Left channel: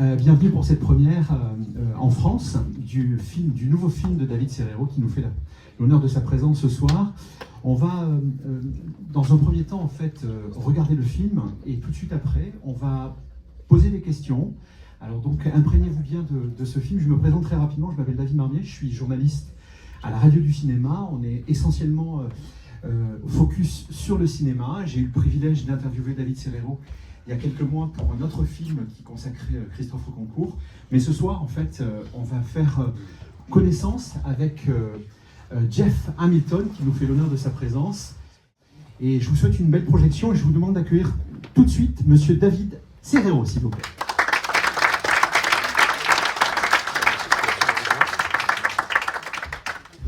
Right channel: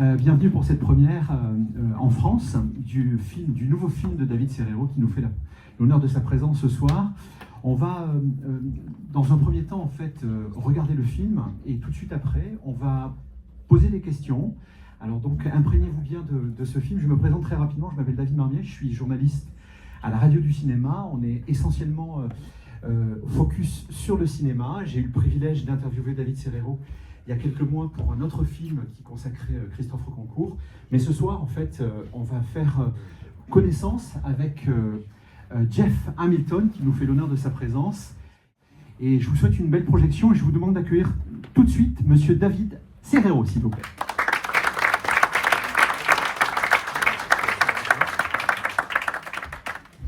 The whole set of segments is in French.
Bienvenue pour cette première en France du nouveau film de David Serrero qui nous fait l'honneur de sa présence ce soir. On va, dans un premier temps, en fait, regarder le film et tout de suite après, on va poser des questions. Alors donc, imprégnez-vous bien de ce film. Je me présente très rapidement, je m'appelle David Marmier, je suis journaliste à la radio du cinéma. On est essentiellement focus sur le cinéma. J'ai eu le privilège d'interviewer David Serrero il y a quelques mois pour un autre film qui consacrait Christophe Concours. Mais ce soir, en fait, on va faire connaissance avec Jeff Hamilton, qui nous fait l'honneur de sa présence. Et je vous souhaite une belle projection et je vous demande d'accueillir tout de suite Monsieur David Serrero, s'il vous plaît.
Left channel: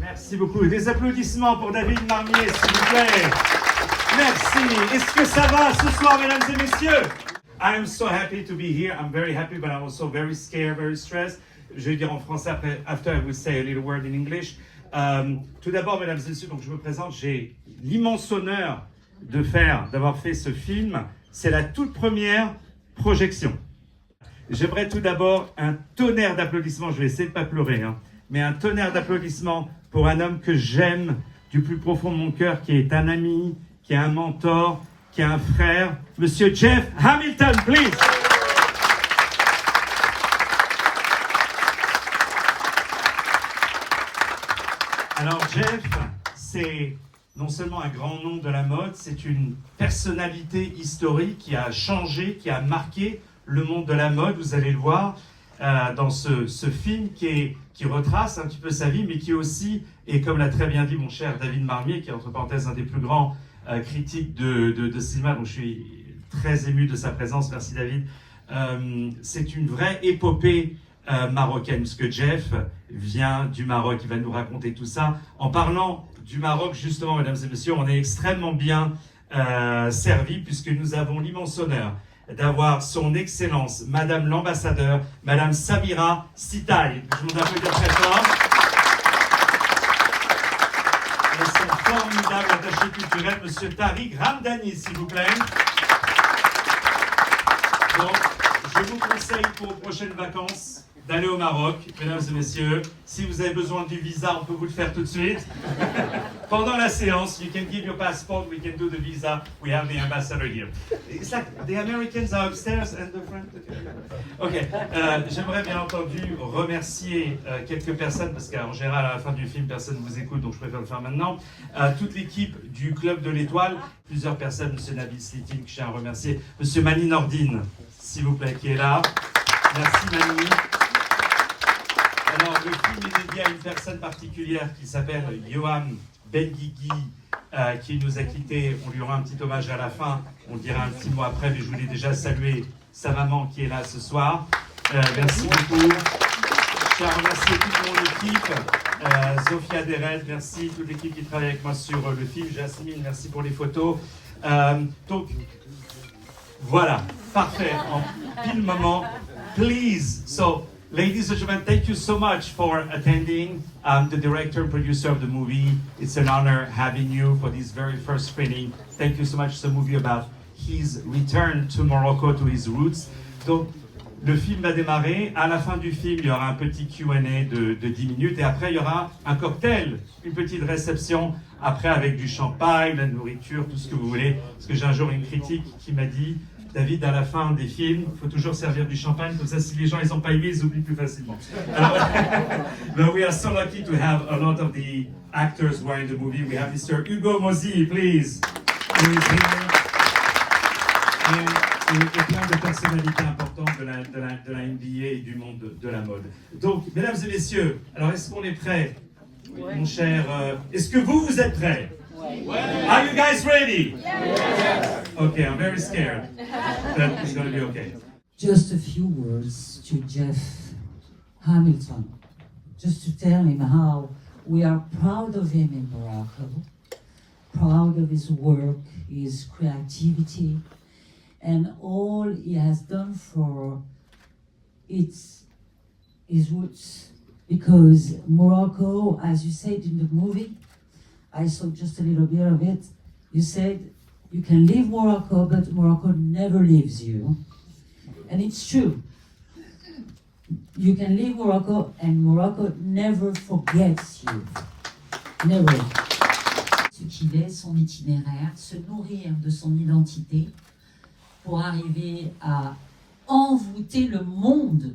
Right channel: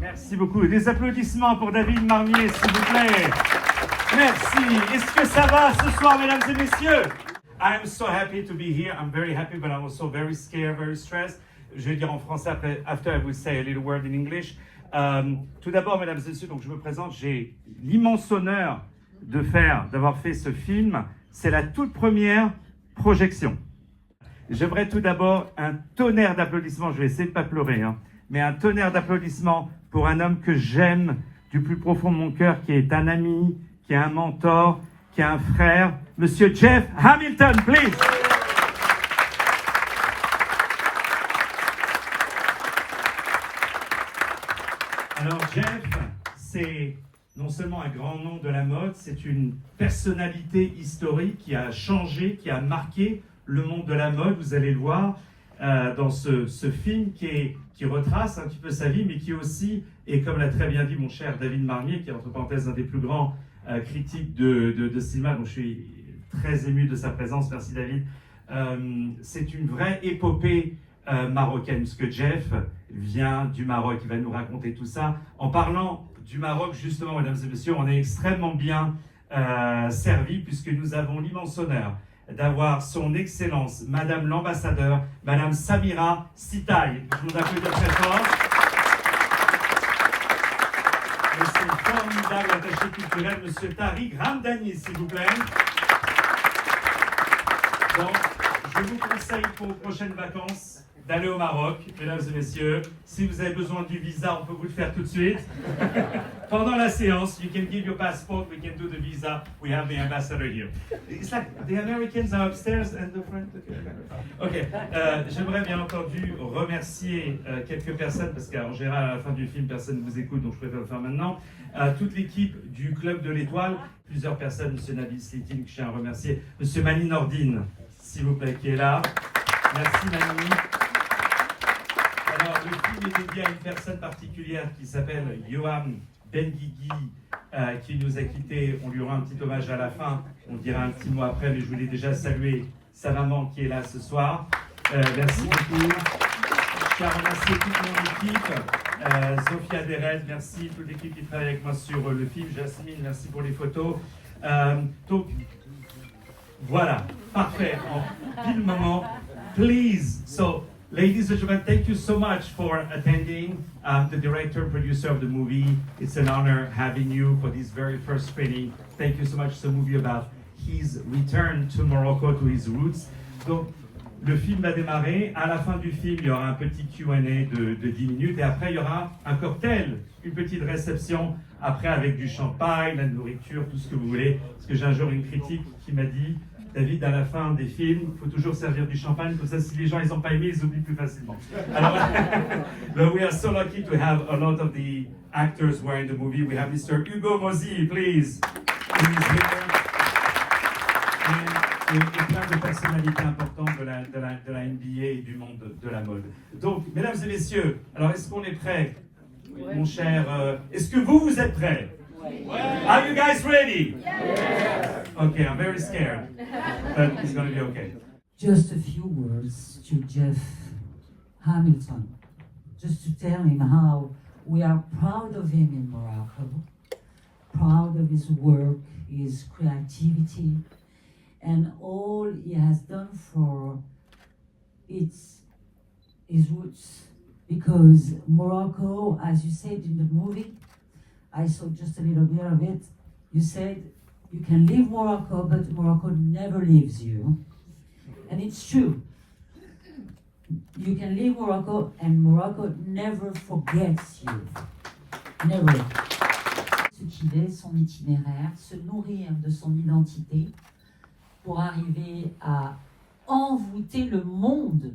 Merci beaucoup. Des applaudissements pour David Marmier, s'il vous plaît. Merci. Est-ce que ça va ce soir, mesdames et messieurs? I'm so happy to be here. I'm very happy, but I'm also very scared, very stressed. Je vais dire en français après. After I will say a little word in English. Tout d'abord, mesdames et messieurs, donc je me présente. J'ai l'immense honneur d'avoir fait ce film. C'est la toute première projection. J'aimerais tout d'abord un tonnerre d'applaudissements. Je vais essayer de ne pas pleurer, hein, mais un tonnerre d'applaudissements pour un homme que j'aime du plus profond de mon cœur, qui est un ami, qui est un mentor, qui est un frère, Monsieur Jeff Hamilton, please. Alors Jeff, c'est non seulement un grand nom de la mode, c'est une personnalité historique qui a changé, qui a marqué le monde de la mode. Vous allez le voir dans ce film qui retrace un petit peu sa vie, mais qui aussi, et comme l'a très bien dit mon cher David Marmier, qui est entre parenthèses un des plus grands critiques de cinéma, dont je suis très ému de sa présence, merci David, c'est une vraie épopée marocaine, parce que Jeff vient du Maroc, il va nous raconter tout ça. En parlant du Maroc, justement, mesdames et messieurs, on est extrêmement bien servi, puisque nous avons l'immense honneur d'avoir son Excellence, Madame l'Ambassadeur, Madame Samira Sitaï. Je vous applaudis très fort. Et c'est formidable attaché culturel, Monsieur Tariq Ramdani, s'il vous plaît. Donc, je vous conseille pour vos prochaines vacances d'aller au Maroc, mesdames et messieurs. Si vous avez besoin du visa, on peut vous le faire tout de suite. Pendant la séance, you can give your passport, we can do the visa, we have the ambassador here. It's like the Americans are upstairs and the French... Ok, j'aimerais bien entendu remercier quelques personnes, parce qu'en général, à la fin du film, personne ne vous écoute, donc je préfère le faire maintenant. Toute l'équipe du Club de l'Étoile, plusieurs personnes, Monsieur Nabil Slitin, que je tiens à remercier, Monsieur Mani Nordine, s'il vous plaît, qui est là. Merci Mani. Alors, le film est dédié à une personne particulière qui s'appelle Yohan Benguigui, qui nous a quittés. On lui aura un petit hommage à la fin, on dira un petit mot après, mais je voulais déjà saluer sa maman qui est là ce soir. Merci beaucoup. Je tiens à remercier toute mon équipe. Sophia Derel, merci. Toute l'équipe qui travaille avec moi sur le film. Jasmine, merci pour les photos. Donc, voilà, parfait. En pile moment. Please, so ladies and gentlemen, thank you so much for attending. The director and producer of the movie. It's an honor having you for this very first screening. Thank you so much. It's a movie about his return to Morocco, to his roots. Donc, le film va démarrer. À la fin du film, il y aura un petit Q&A de 10 minutes. Et après, il y aura un cocktail, une petite réception. Après, avec du champagne, la nourriture, tout ce que vous voulez. Parce que j'ai un jour une critique qui m'a dit... David, à la fin des films, il faut toujours servir du champagne, comme ça, si les gens ils n'ont pas aimé, ils oublient plus facilement. Alors, we are so lucky to have a lot of the actors who are in the movie. We have Mr. Hugo Mozy, please. Who is here. Et plein de personnalités importantes de la NBA et du monde de la mode. Donc, mesdames et messieurs, alors est-ce qu'on est prêts? Oui. Mon cher, est-ce que vous êtes prêts? Oui. Are you guys ready? Yes. Okay, I'm very scared, but it's going to be okay. Just a few words to Jeff Hamilton, just to tell him how we are proud of him in Morocco, proud of his work, his creativity, and all he has done for his roots. Because Morocco, as you said in the movie, I saw just a little bit of it, you said, you can leave Morocco, but Morocco never leaves you. And it's true. You can leave Morocco and Morocco never forgets you. Never. Ce qu'il est, son itinéraire, se nourrir de son identité pour arriver à envoûter le monde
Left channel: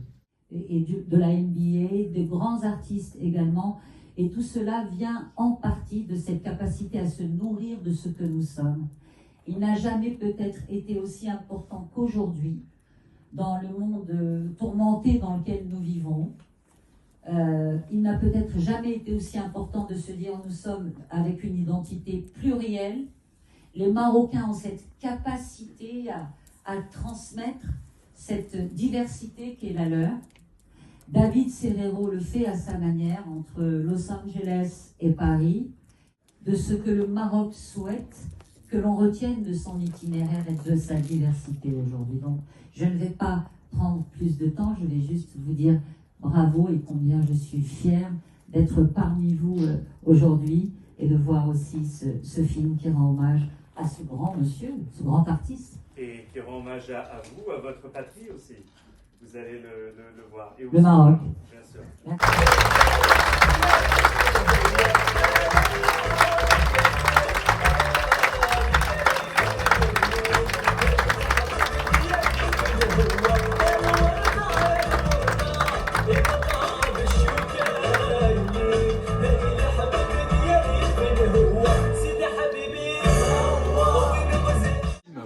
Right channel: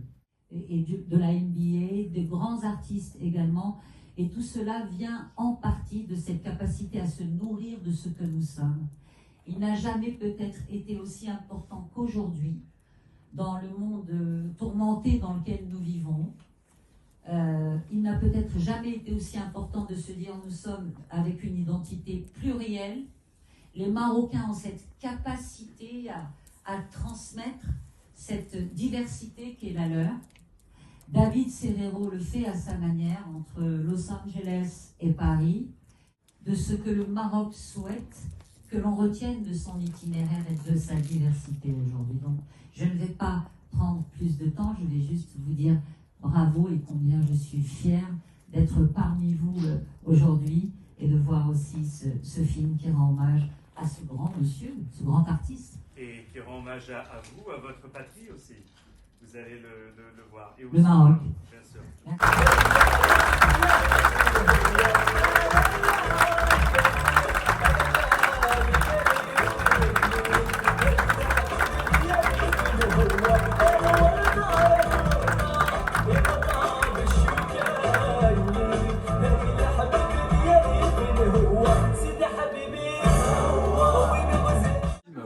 et de la NBA, de grands artistes également. Et tout cela vient en partie de cette capacité à se nourrir de ce que nous sommes. Il n'a jamais peut-être été aussi important qu'aujourd'hui dans le monde tourmenté dans lequel nous vivons. Il n'a peut-être jamais été aussi important de se dire nous sommes avec une identité plurielle. Les Marocains ont cette capacité à transmettre cette diversité qui est la leur. David Serero le fait à sa manière entre Los Angeles et Paris, de ce que le Maroc souhaite que l'on retienne de son itinéraire et de sa diversité aujourd'hui. Donc, je ne vais pas prendre plus de temps, je vais juste vous dire bravo et combien je suis fière d'être parmi vous aujourd'hui et de voir aussi ce film qui rend hommage à ce grand monsieur, ce grand artiste. Et qui rend hommage à vous, à votre patrie aussi. Vous allez le voir. Et le Maroc. Bien sûr.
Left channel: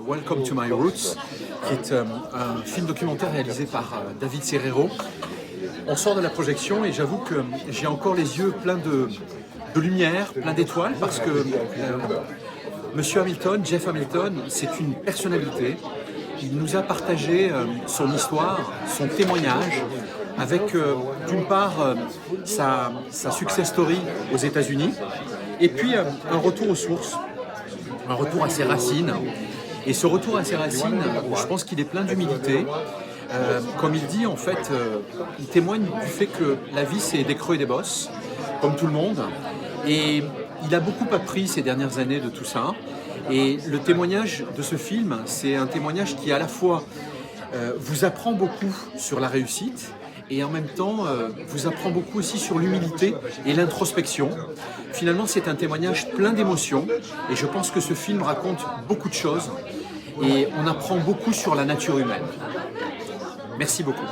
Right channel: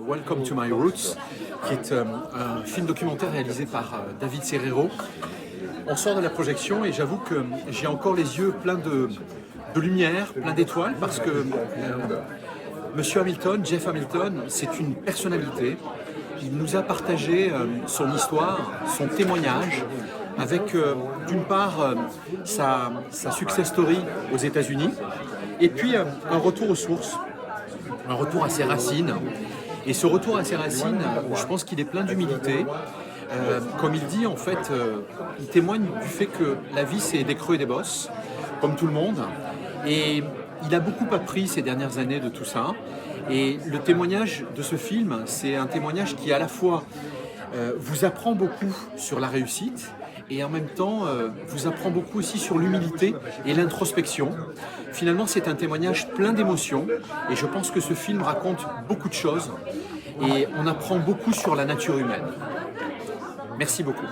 Welcome to My Roots, qui est un film documentaire réalisé par David Serero. On sort de la projection et j'avoue que j'ai encore les yeux pleins de lumière, pleins d'étoiles, parce que Monsieur Hamilton, Jeff Hamilton, c'est une personnalité. Il nous a partagé son histoire, son témoignage, avec d'une part sa success story aux États-Unis, et puis un retour aux sources, un retour à ses racines. Et ce retour à ses racines, je pense qu'il est plein d'humilité. Comme il dit, en fait, il témoigne du fait que la vie, c'est des creux et des bosses, comme tout le monde. Et il a beaucoup appris ces dernières années de tout ça. Et le témoignage de ce film, c'est un témoignage qui, à la fois, vous apprend beaucoup sur la réussite et en même temps, vous apprend beaucoup aussi sur l'humilité et l'introspection. Finalement, c'est un témoignage plein d'émotions et je pense que ce film raconte beaucoup de choses et on apprend beaucoup sur la nature humaine. Merci beaucoup.